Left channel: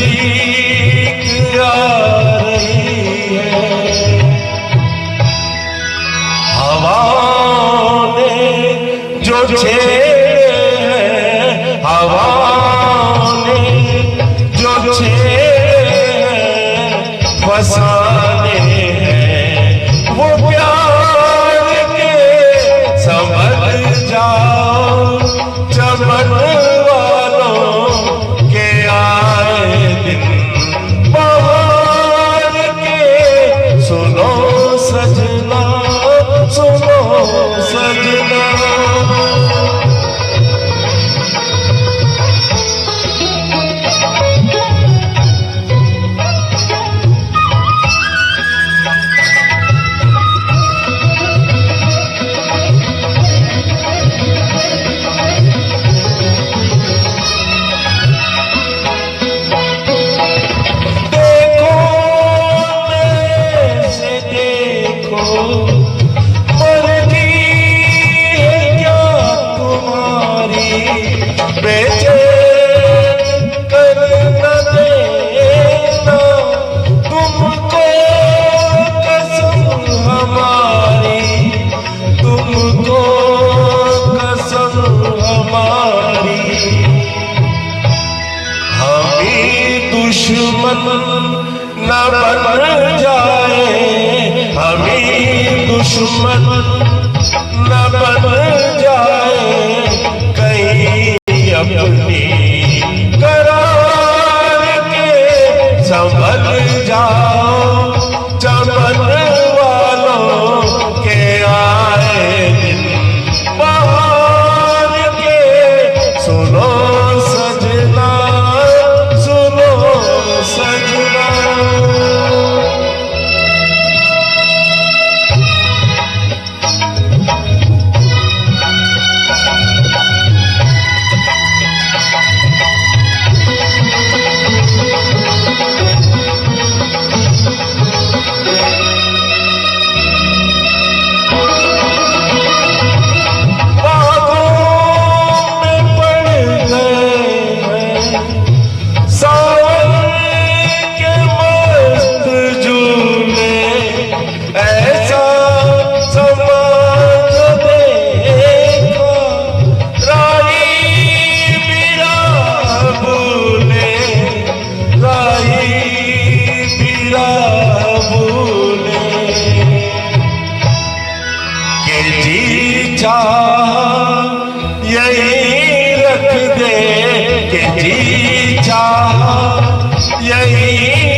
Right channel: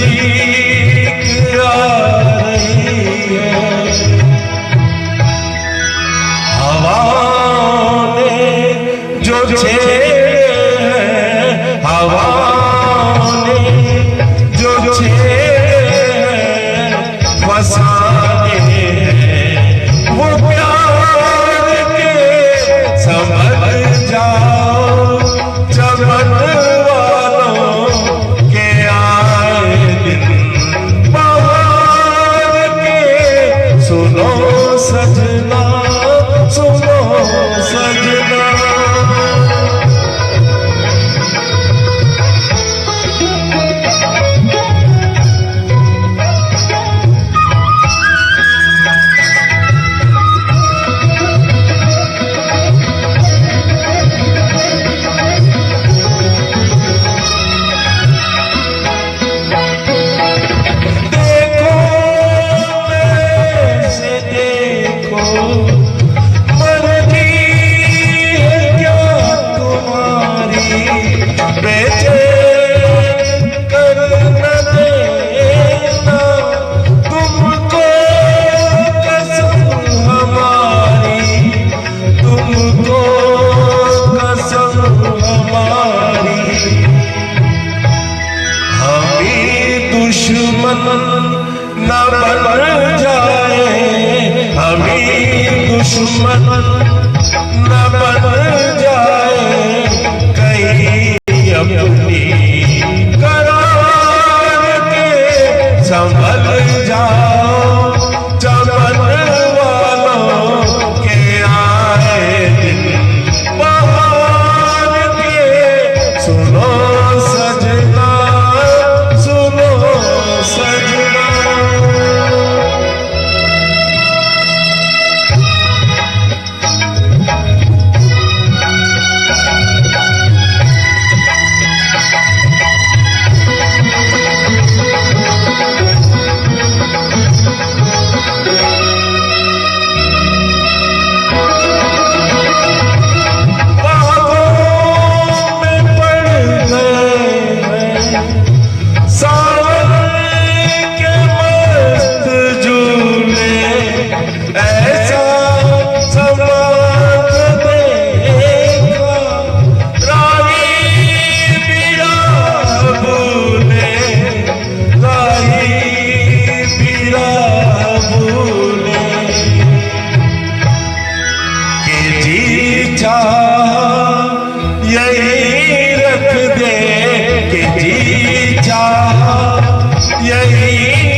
नजदीक आ रही है। हवाओं ने जो छेड़े हैं, हवाओं ने जो छेड़े हैं, फसाने हैं वो प्यार के। समझ जाओ चमन वालों के आए दिन बहार के। सुनो सजना, सुनो सजना। मर्जी है क्या तुम्हारी, बेचैन कर न देना तुमको कसम हमारी, तुमको कसम हमारी। हमी दुश्मन न बन जाए, हमी दुश्मन न बन जाए कहीं अपनी करार के। संभल जाओ चमन वालों के आए दिन बहार के। सुनो सजना, सुनो सजना। यही रख दे कि जी चाह यही